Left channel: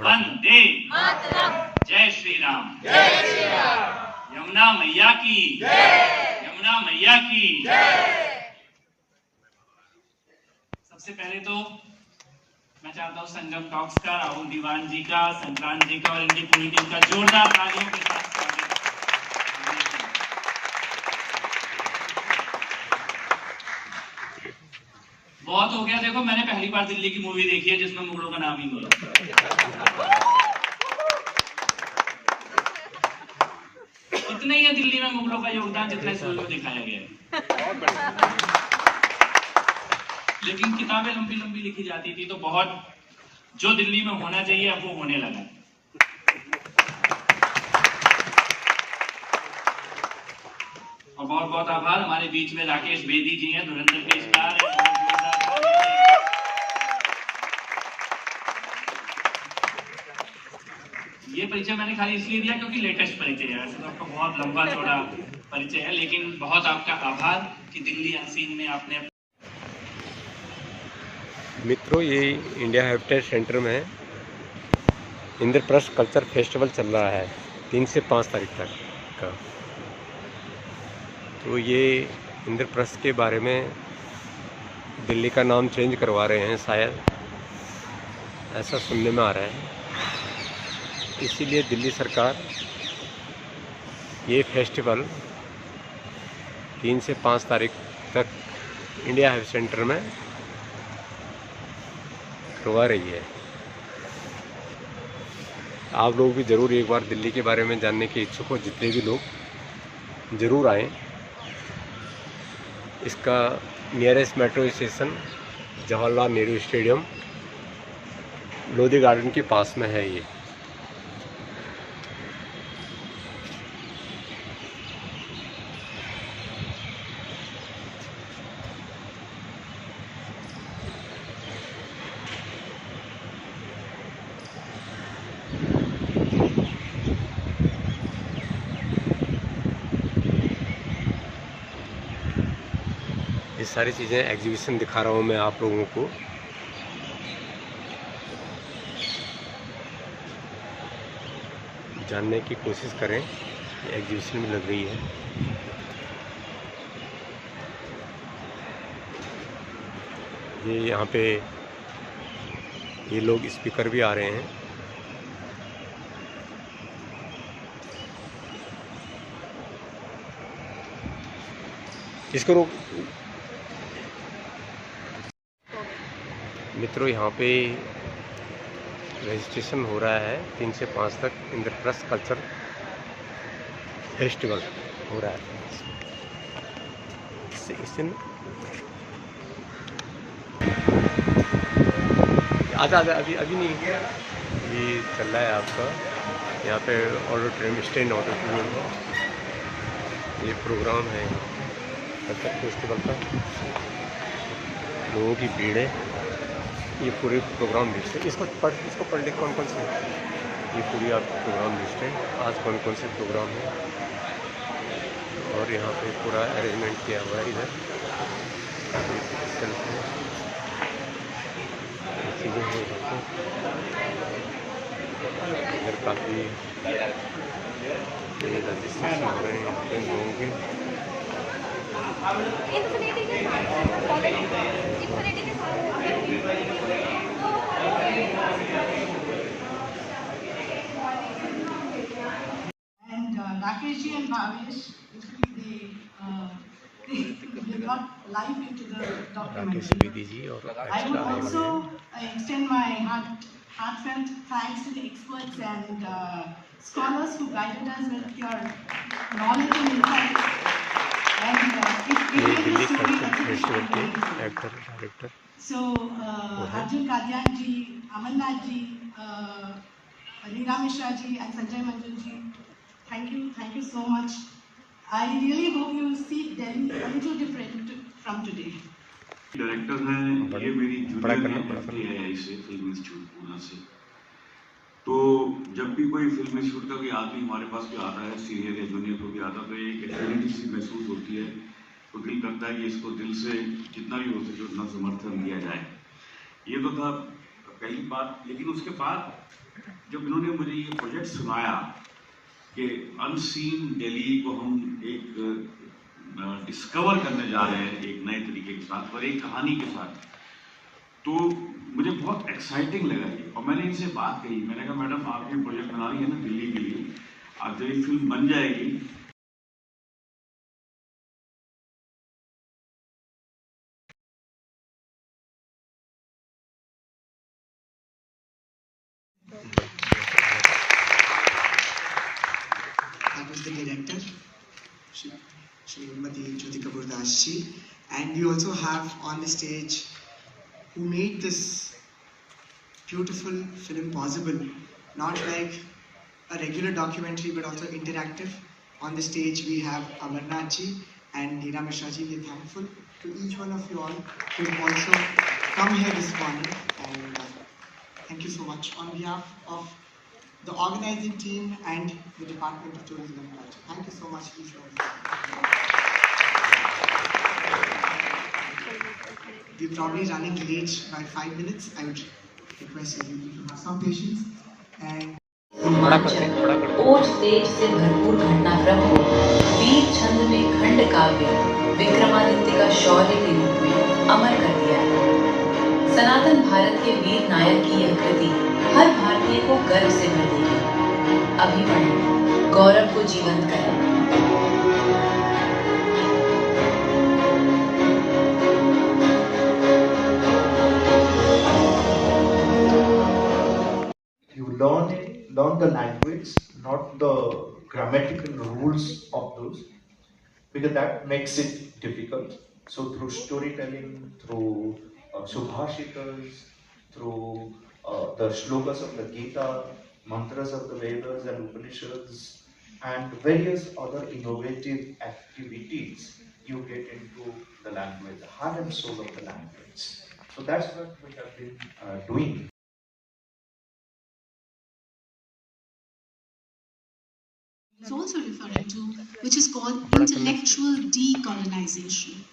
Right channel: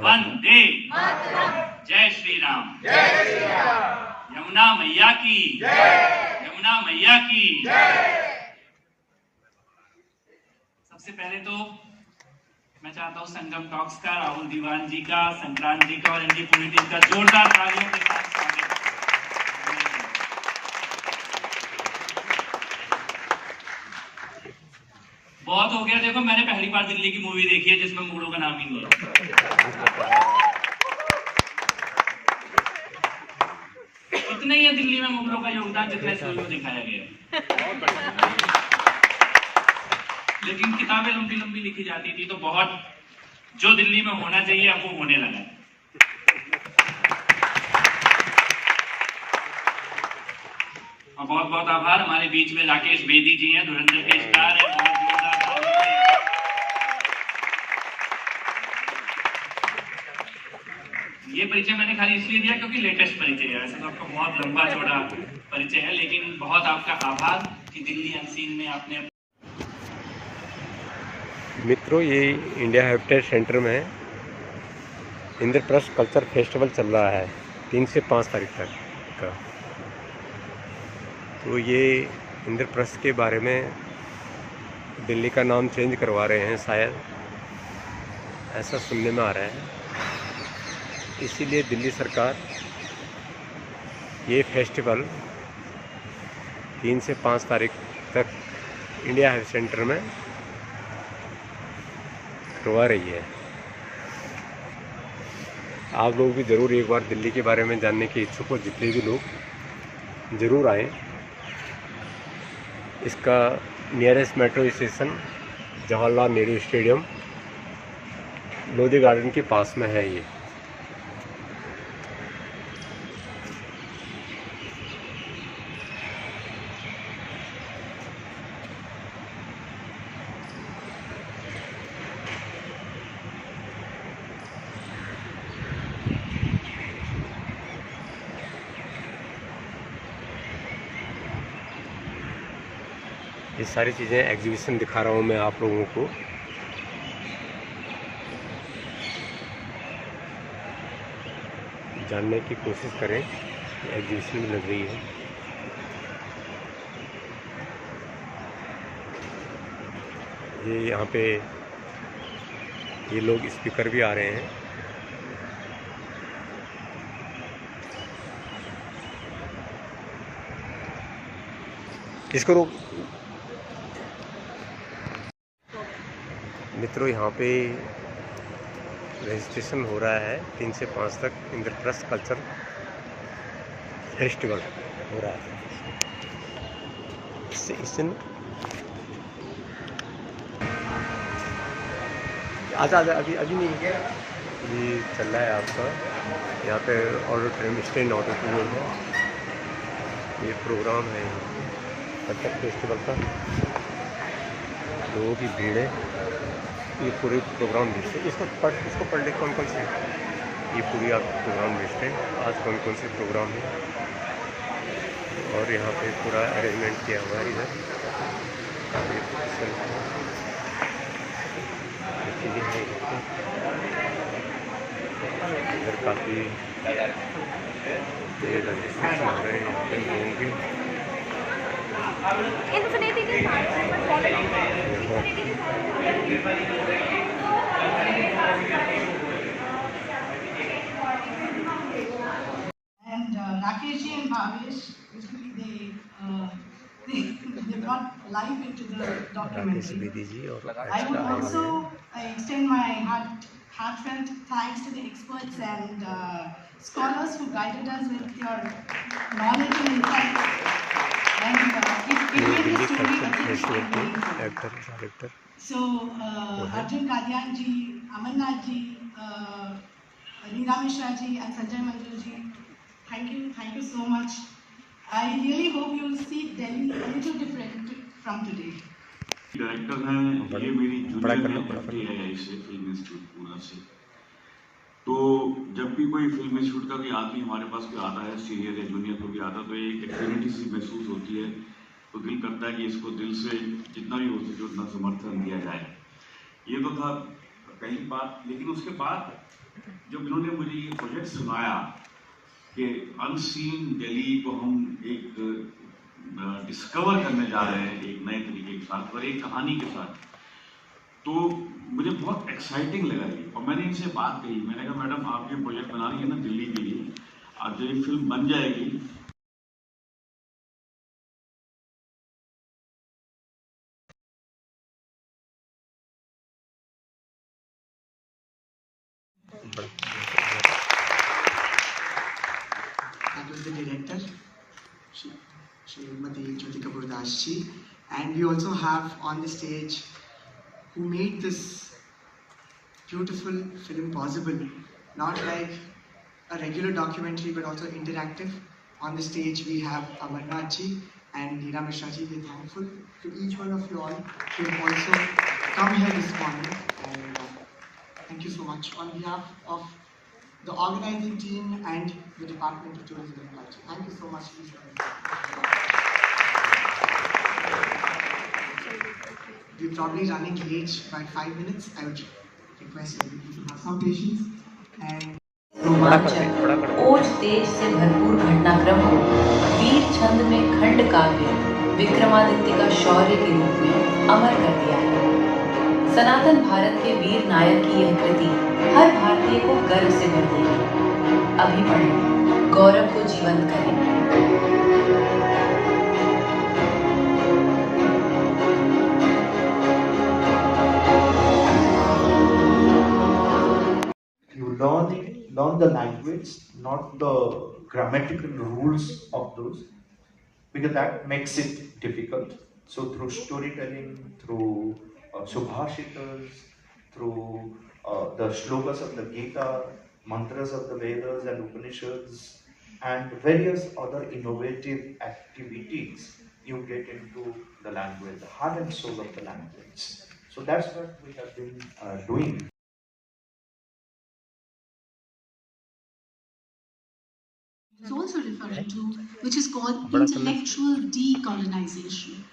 वंदे जय श्री राम। यमुना मैया की यमुना मैया की। सबसे पहले तो मैं चाहता हूँ संगम टॉक्स का, राहुल दीवान जी का, संक्रांत जी का और इनकी पूरी टीम का जोरदार तालियों के साथ स्वागत। बहुत हो गया, देखो मैंने पहली बार दिल्ली की मूवी देखी है जिसमें मुगलों का नाम नहीं लिया। इतने ही है दिल्ली में मुगलों का योगदान जितना इस मूवी में दिखाया गया है। लेकिन किताबें लंबी लंबी लिखी जाती थी तो बहुत जो दिल्ली में होना चाहिए अब वो होने लगा। और बहुत बहुत आभार, हमारे बीच में राकेश बेदी जी हैं, धुरंधर के स्टार हैं। ये परिचय मैंने खाली इसलिए दिया क्योंकि लेटेस्ट परिचय है, वैसे तो आपका बहुत लंबा चौड़ा परिचय है, लेकिन बहुत आपका आभार कि दिल्ली अनसीन ने आपने। मित्रों, ये इंडिया हेरिटेज सेंटर में इंद्रप्रस्थ कल्चर फेस्टिवल चल रहा है 3 से 5 तारीख तक का। तो ये इंद्रप्रस्थ के बारे में दिल्ली का नाम चेंज करवा रहे हैं, शायद ऐसा सुनने में आ रहा है। इसीलिए दिल्ली सरकार ये फेस्टिवल 3 से 5 तारीख तक इंडिया हेरिटेज सेंटर में करवा रही है। आप लोग भी ज़रूर एक बार दिल्ली के बारे में जानने के इच्छुक हो, जितने भी लोग ज़रूर आएँ। इसका nearest metro station Jawaharlal Nehru stadium Lodhi garden के पास में है। ये ये सारी चीज़ें एग्जीबिशन दिखा रहा हूँ मैं आप लोगों को। जानने की कोशिश करें, ये एग्जीबिशन में लग रही है। ये यहाँ पे ये लोग स्पीकर भी आ रहे हैं। इसको रोक। मित्रों, यहाँ पे रजिस्ट्रेशन हो रहा है 3 से 5 तक इंद्रप्रस्थ कल्चर फेस्टिवल हो रहा है। इससे आधा अभी नहीं, ये चल रहा है आपका यहाँ पे ऑडिटोरियम, स्टैंड ऑडिटोरियम है। ये प्रोग्राम है यहाँ कल्चर फेस्टिवल का। लोगों की भीड़ है। ये पूरे प्रोग्राम लिस्ट है। इसको पढ़ ले कौन कौन से, ये पूरी आप प्रोग्राम लिस्ट है, आज कौन कौन से प्रोग्राम है। और यहाँ पे पूरा अरेंजमेंट किया हुआ है। इधर चीज़ें हैं, इधर काफ़ी रजिस्ट्रेशन हो रहे हैं यहाँ पे लोगों के। And Rakesh ji and Bhavesh, they brought life into the documentary. Rakesh Bedi जी और I would also extend my heartfelt thanks to the experts and scholars who guided us with your knowledge and insight. ये Delhi culture festival के actor director Arjun Kadyan ji, Amarnath ji, Ringa Mishra ji and Sanjay Manjul ji, thank you so much. I really hope you see Delhi a little different from today. Director हैं, ये मेरी बड़ा करना है इसे film institute Poona से। तो जब भी कोई फिल्म इंस्टीट्यूट का कोई आदमी हमारे पास कोई आता है, सीनियर या जूनियर को भी आता है, तो एक एक्टिविटी सी महसूस होती है। तो दिल करता है कि इसको दिल से जितना भी हो सके उतना समर्थन दिया जाए। ये तो था कई बात, लेकिन उसके बाद जब इन्होंने मुझे ये प्रोजेक्ट सुनाया कि अनसीन दिल्ली को हम एक डिस्कवर करने जा रहे हैं एक नए तरीके के साथ और एक कहानी के साथ, तो मुझे बहुत एक्साइटिंग लगा ये। और मैंने इनसे बात कही, मैंने कहा मैडम आप ये प्रोजेक्ट बना रही है ना दिल्ली के लिए, आप जब ये फिल्म बन जाएगी That was the director, Srimati Jyoti Kapoor Das ji. And we also have on the stage who made this beautiful film possible, not like a regular documentary but also interactive. On the stage we have Amarnath ji and Neera Mishra ji. We're thankful to each one of you all who have also come here this morning, and thank you so much on behalf of the organizing team and the Department of Tourism and Culture. Thank you so much, each one. We're probably running late by 5 minutes. I would request everyone to have some patience. And ओज तेज से भरपूर घटनाक्रम को वीर छंद में खंड काव्य विक्रमादित्य का शौर्य के रूप में अमर कर दिया है। सनातन भारत के वीर नायक की यह कृति हर भारतीय को गर्व से भर देगी। अभी पढ़ें, गौरव को जीवंत करें। Learn the language, not the grammatical rules of those, because that makes it difficult. So through storytelling, through subhashitas, through the shlokas of the Gita, mantras of the Vedas and Upanishads, and various other innovative activities, you get into the language, the heart and soul of the language. So that's what we have been doing. It's also referring to, which is called intellectual decolonization.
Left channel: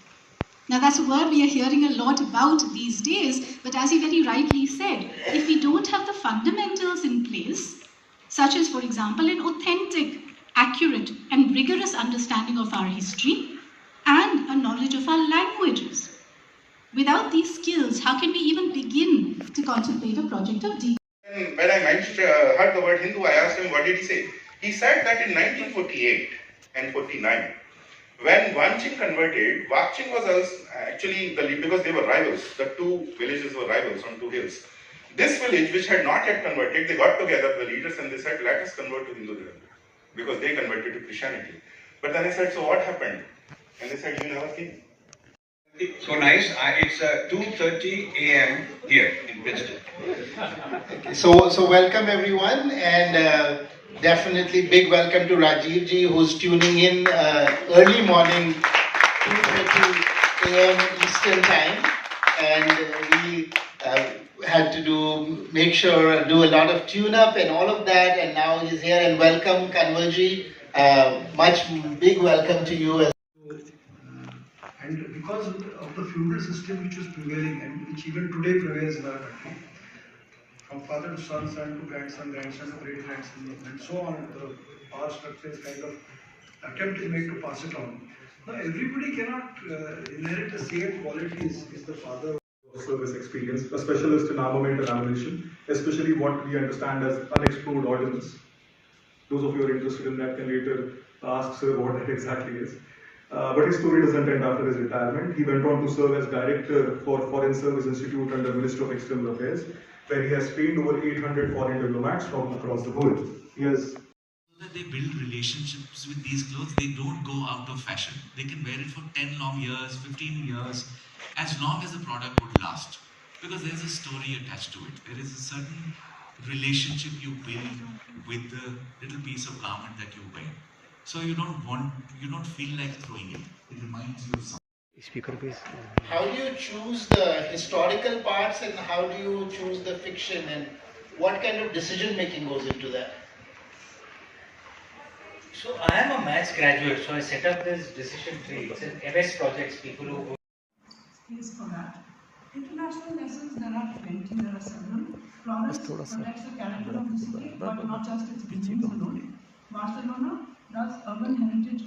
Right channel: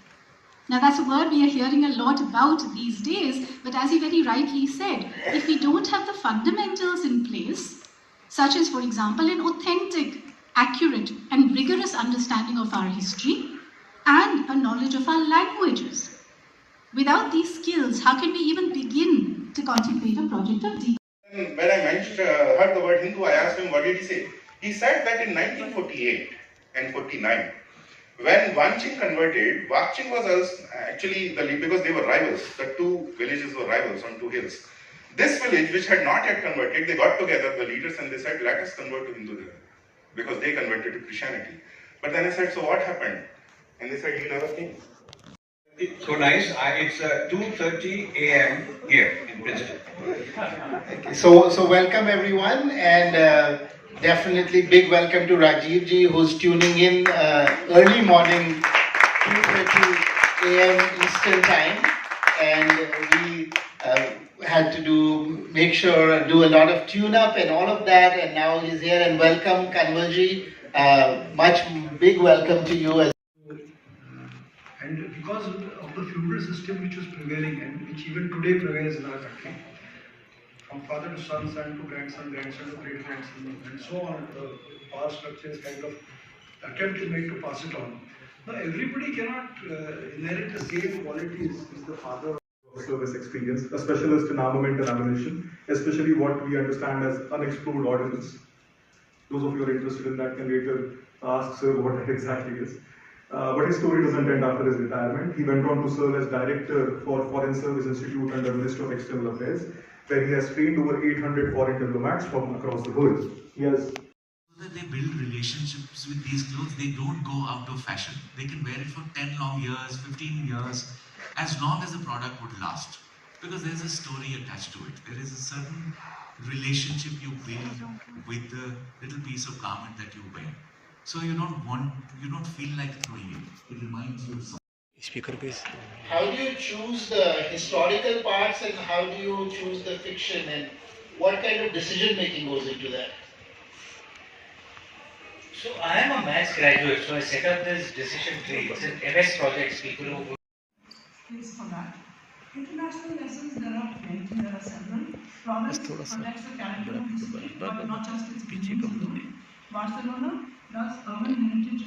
Now that's a word we are hearing a lot about these days, but as he very rightly said, if we don't have the fundamentals in place, such as, for example, an authentic, accurate and rigorous understanding of our history and a knowledge of our languages, without these skills, how can we even begin to contemplate a project of decolonization? When I heard the word Hindu, I asked him, what did he say? He said that in 1948 and 49, when Wanching converted, Wakching was actually, because they were rivals, the two villages were rivals on two hills. This village, which had not yet converted, they got together, the leaders, and they said, let us convert to Hinduism, because they converted to Christianity. But then I said, so what happened? And they said, you never came. So nice. It's 2:30 a.m. here in Princeton. Okay, so welcome everyone, and definitely big welcome to Rajiv ji, who's tuning in early morning, 2:30 a.m. Eastern time, and we had to do a lot of tune-up and all of that, and now he's here. And welcome, Kanwal ji. Big welcome to you as. And because of the feudal system which was prevailing and which even today prevails in our country, from father to son, son to grandson, grandson to great grandson, and so on, the power structure is kind of attempt to make to pass it on. Now everybody cannot inherit the same qualities as the father. Service experience, a specialist in armament and ammunition, especially what we understand as unexplored ordnance. Those of you who are interested in that can later ask Sir what that exactly is. But his story doesn't end after his retirement. He went on to serve as director for Foreign Service Institute under Ministry of External Affairs, where he has trained over 800 foreign diplomats from across the world. He has that they build relationships with these clothes. They don't go out of fashion. They can wear it for 10 long years, 15 years, as long as the product would last. Because there's a story attached to it. There is a certain relationship you build with the little piece of garment that you wear. So you don't feel like throwing it. It reminds you of something. How do you choose the historical parts and how do you choose the fiction, and what kind of decision making goes into that? So I am a maths graduate, so I set up this decision tree. It's an MS projects, people who Thanks for that. International lessons, there are plenty, there are several. Florence protects the character of the city, but not just its buildings alone. Barcelona does urban heritage.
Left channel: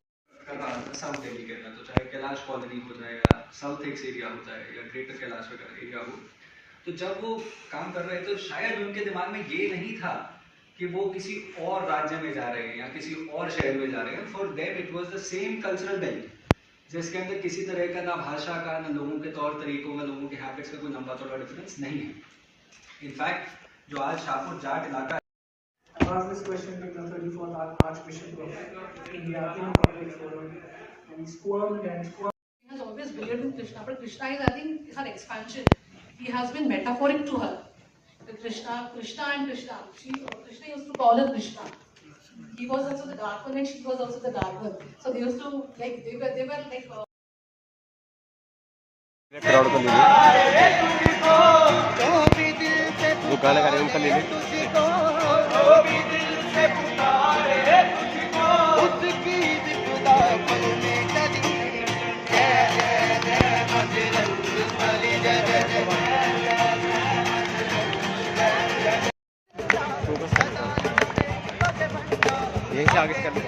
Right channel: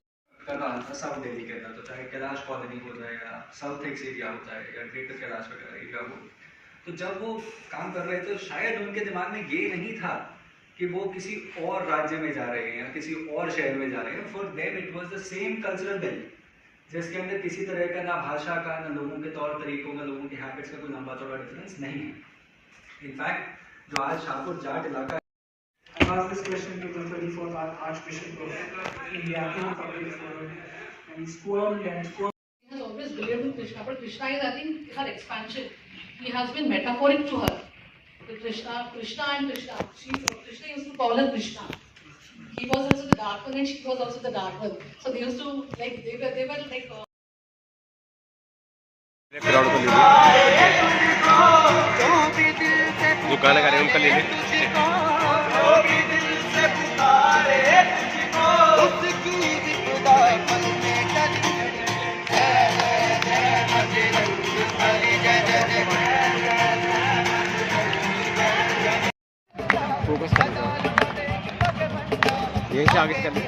करना आता south Delhi के अंदर, तो चाहे Kailash colony हो जाए या south x area होता है या ग्रेटर कैलाश वगैरह एरिया हो, तो जब वो काम कर रहे थे तो शायद उनके दिमाग में ये नहीं था कि वो किसी और राज्य में जा रहे हैं या किसी और शहर में जा रहे हैं. For them it was the same cultural belt जिसके अंदर किसी तरह का ना भाषा का, ना लोगों के तौर तरीकों में, लोगों के हैबिट्स में कोई लंबा चौड़ा डिफरेंस नहीं है. इनफैक्ट जो आज शाहपुर जाट इलाका, I asked this question to the 34th Archbishop of India, and he squirmed and squirmed. He has always believed in Krishna, but Krishna is, I think, her expansion. He has been metaphoric to her. Krishna and Krishna. Krishna used to call her Krishna. He was also the dark one and she was also the dark one. So they used to, like, they were like... जो गाना गा रहे हैं उनका ले लें. Focus यहीं से आगे कर लें.